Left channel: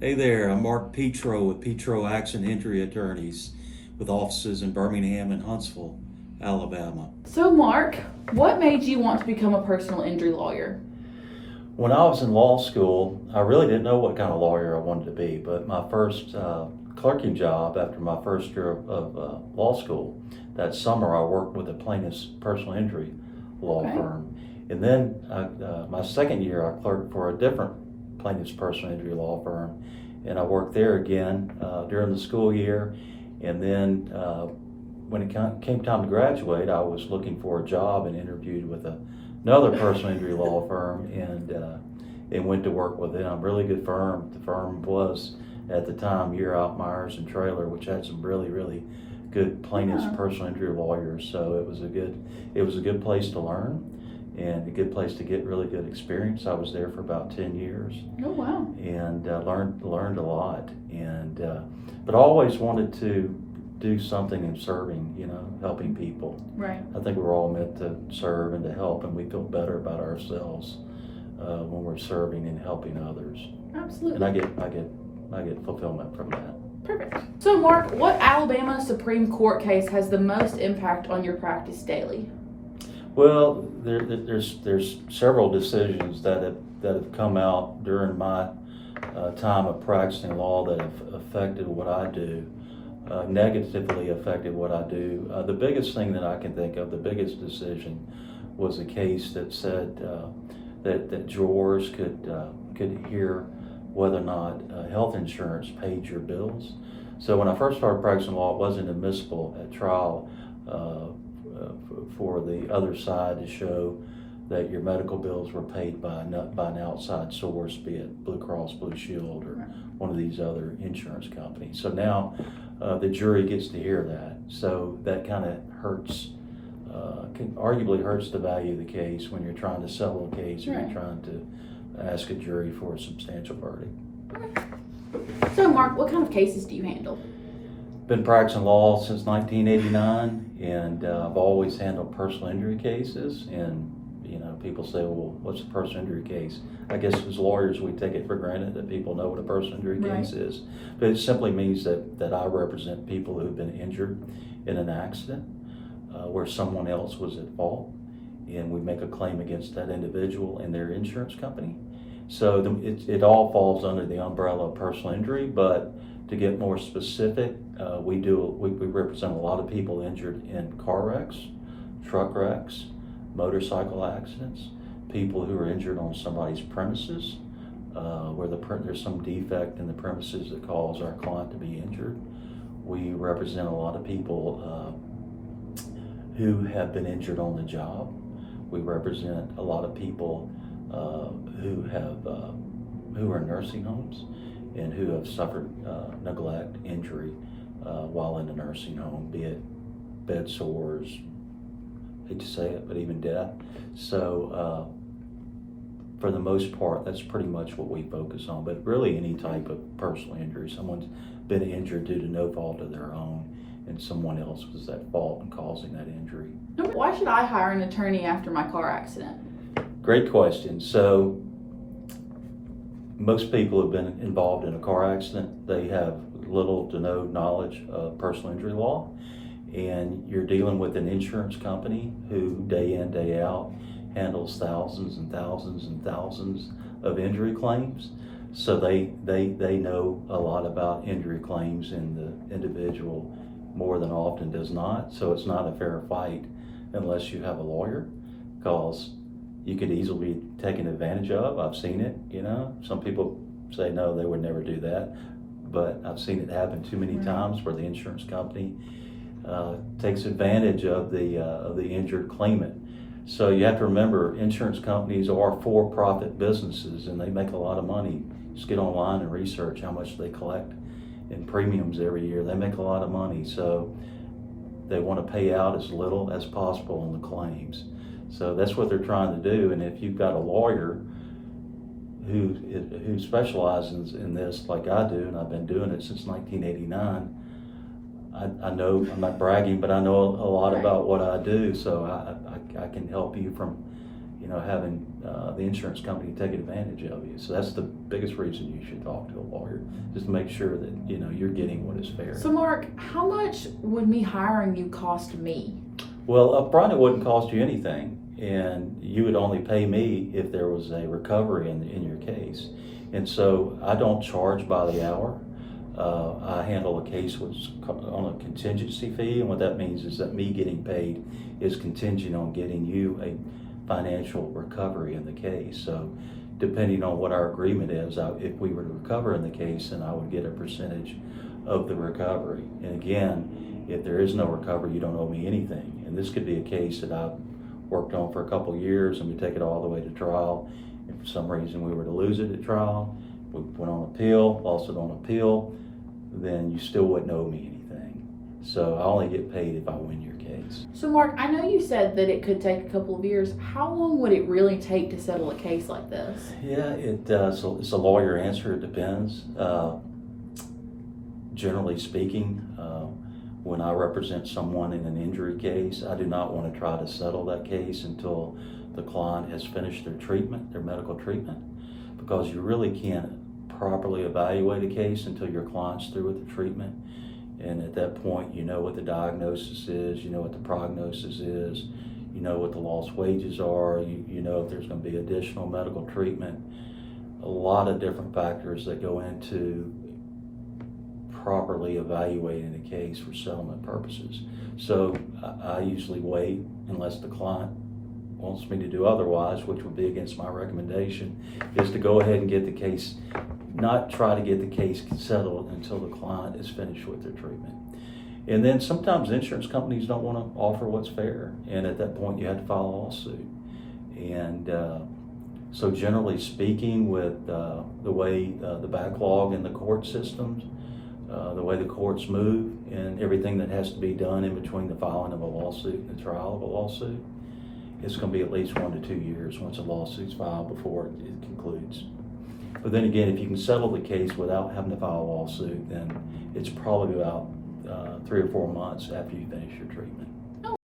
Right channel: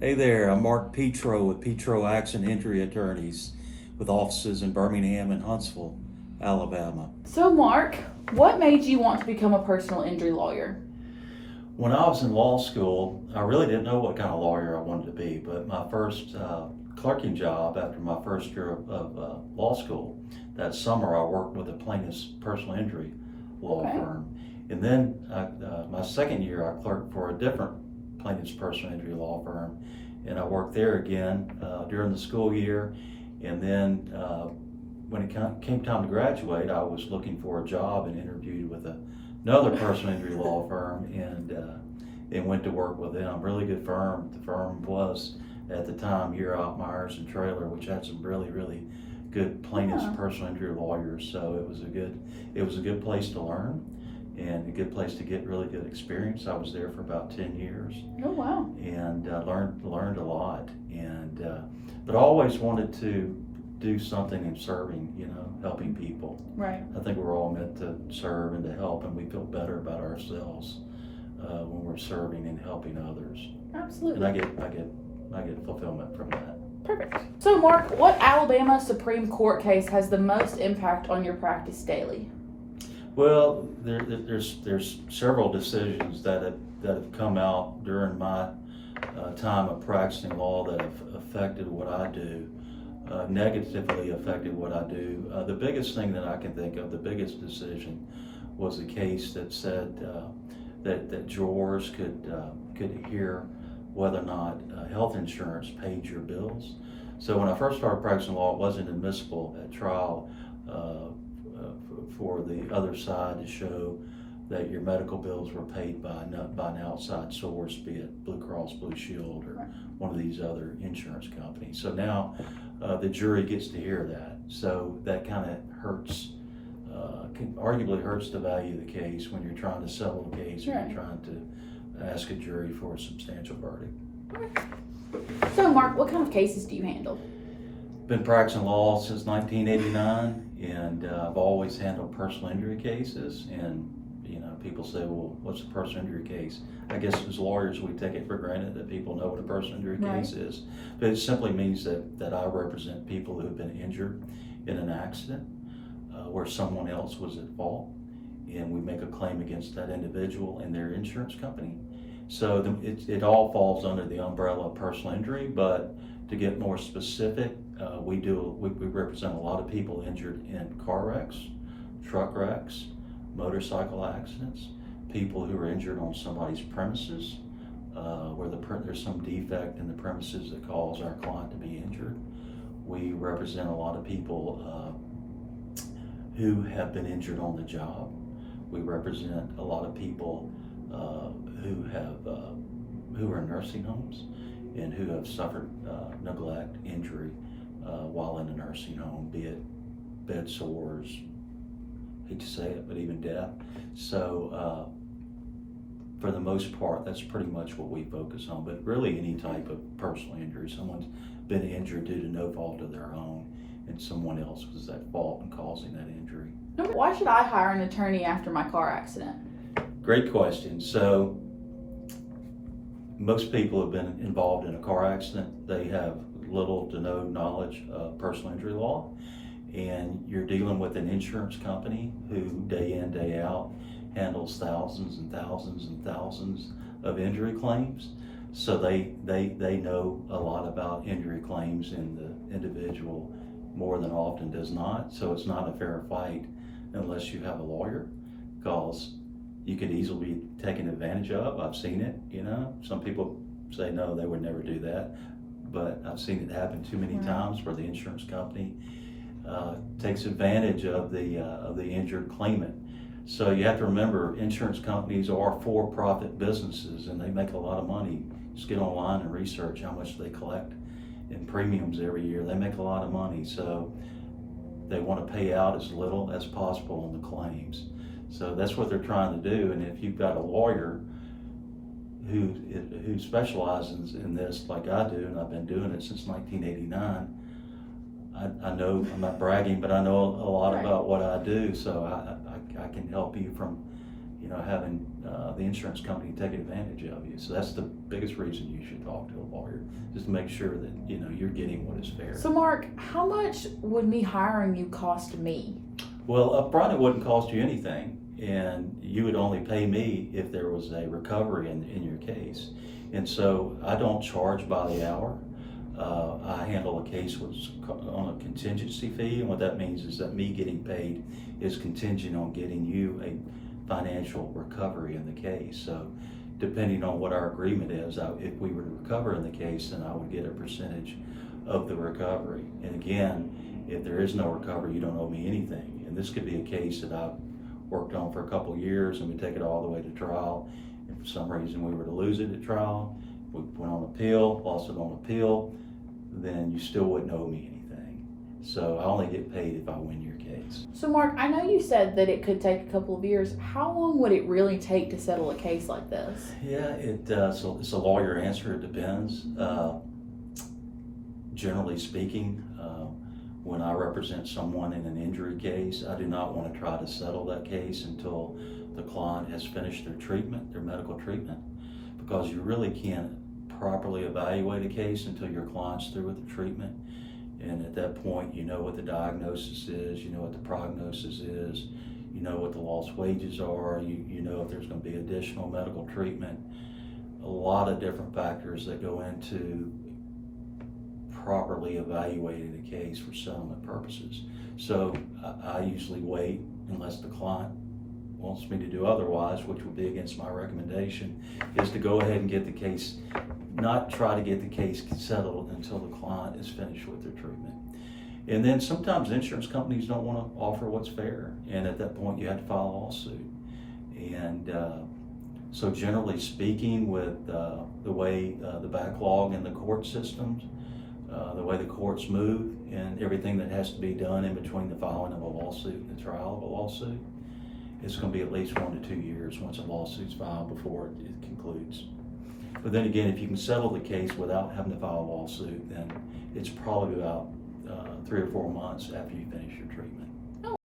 Hey there, I'm Mark Petro with Petro Accident Injury Attorneys with offices in Birmingham and Huntsville, Alabama. So, Mark, what made you want to become a personal injury lawyer? When I was in law school, I really didn't know what kind of lawyer I wanted to be, but my first clerking job after my first year of law school, that summer I worked with a plaintiff's personal injury law Okay. firm. And then my second year I clerked for a different plaintiff's personal injury law firm, and I worked there again during the school year. And then when it came time to graduate, I was looking for a job and interviewed with another personal injury law firm, and went to work with them. Really good firm. The firm was at the time Year Myers and Trailer, which had some really good plaintiffs Yeah. personal injury lawyers. So it was a good place to learn and a good place to get really good experience. I was there for about 10 years Oh, wow. and learned a lot. And but I always wanted to do something in serving, helping people. Right. I think we're all meant to serve and to help, and we feel better about ourselves when we're serving and helping others. And Absolutely. I get fulfillment from that. Perfect. So, Mark, what Alabama Supreme Court case has the most impact on your practice daily? Well, there's several decisions that have come out during my time of practicing law that have affected what I do, negatively affected what I do. The biggest thing that I can think of, the biggest decision, was a case that said that jurors could hear whether or not health insurance paid your bills. So when I first started practicing law, it wasn't admissible at trial for the other side to show that your medical bills were paid by an outside source, be it Blue Cross Blue Shield or one of these other insurance companies. So now the jury gets to hear that. So that kind of hurts, arguably hurts the value of the case when you're trying to settle a case or you're trying to ask a jury for a substantial verdict. So, Mark, what kind of cases do you handle? Been practicing law since 1989, and I've always handled personal injury cases. And people say, well, what's a personal injury case? I guess as lawyers, we take it for granted that people know what a personal injury case is. But it simply means that I represent people who've been injured in an accident where someone else was at fault, and we make a claim against that individual and their insurance company. So it all falls under the umbrella of personal injury. But to get more specific, we represent a lot of people injured in car wrecks, truck wrecks, motorcycle accidents, people who are injured on somebody's premises, where there's some defect in the premises that caused our client to be injured. We represent a lot of people who have been injured on the job. We represent a lot of people who are in nursing homes and who have suffered neglect, injury while in a nursing home, be it bed sores, hate to say it, but even death. So for the most part, that's pretty much what we focus on. But really any type of personal injury, someone's been injured due to no fault of their own, and someone else was at fault in causing that injury. Why should I hire an attorney after my car accident? Great question. So most people who have been involved in a car accident, they have little to no knowledge of personal injury law. And you're dealing with an insurance company who day in, day out handles thousands and thousands and thousands of injury claims. So they know a lot about injury claims, and the individual more than often does not. So it's not a fair fight unless you have a lawyer, because you could easily be taken advantage of. I've seen it, Some people say no, they would never do that. But I've seen it happen too many times where the insurance company takes advantage of the injured claimant. So you have to remember, insurance companies are for-profit businesses, and they make a lot of money. Just get online and research how much they collect in premiums every year. They make a lot of money, so they want to pay out as little as possible in the claims. So that's what they're trying to do. And if you've got a lawyer who specializes in this like I do, and I've been doing it since 1989, I know, I'm not bragging, but I know a lot about what I do, so I can help you from having the insurance company take advantage of you. So that's the biggest reason you should talk to a lawyer, just to make sure that, you're getting what is fair. So Mark, how much would me hiring you cost me? Well, up front, it wouldn't cost you anything, and you would only pay me if there was a recovery in your case. And so I don't charge by the hour. I handle a case on a contingency fee, and what that means is that me getting paid is contingent on getting you a financial recovery in the case. So depending on what our agreement is, if we were to recover in the case, then I would get a percentage of the recovery. And again, if there is no recovery, you don't owe me anything. And this could be a case that I've worked on for a couple of years, and we take it all the way to trial. If for some reason we were to lose it at trial, we went on appeal, lost it on appeal, then you still wouldn't owe me anything. So I only get paid if I win your case. So Mark, I know you said that it could take a couple of years. How long would it really take to settle a case like this? Yeah, so it's a lawyer answer. It depends. Generally speaking, when I represent someone in an injury case, I do not want to try to settle that case until the client has finished their treatment, their medical treatment, because you really can't properly evaluate a case until your client's through with the treatment. And at that point, you know what the diagnosis is, you know what the prognosis is, you know what the lost wages are, you know if there's going to be additional medical treatment. A lot of different factors that go into properly evaluating the case for settlement purposes. So I usually wait unless the client wants me to do otherwise, which would be against my recommendation, is to go ahead and get the case, not try to get the case settled until the client is finished with their treatment. And then sometimes insurance companies don't want to offer what's fair, and at that point you have to file a lawsuit. And so generally speaking, with the way the backlog in the court systems, the way the courts move, and everything that has to be done in between the filing of a lawsuit and the trial of a lawsuit, it's going to be at least 1 to 2 years once a lawsuit's filed before it concludes. But then again, if you can settle the case without having to file a lawsuit, then it's probably about 3 or 4 months after you finish your treatment.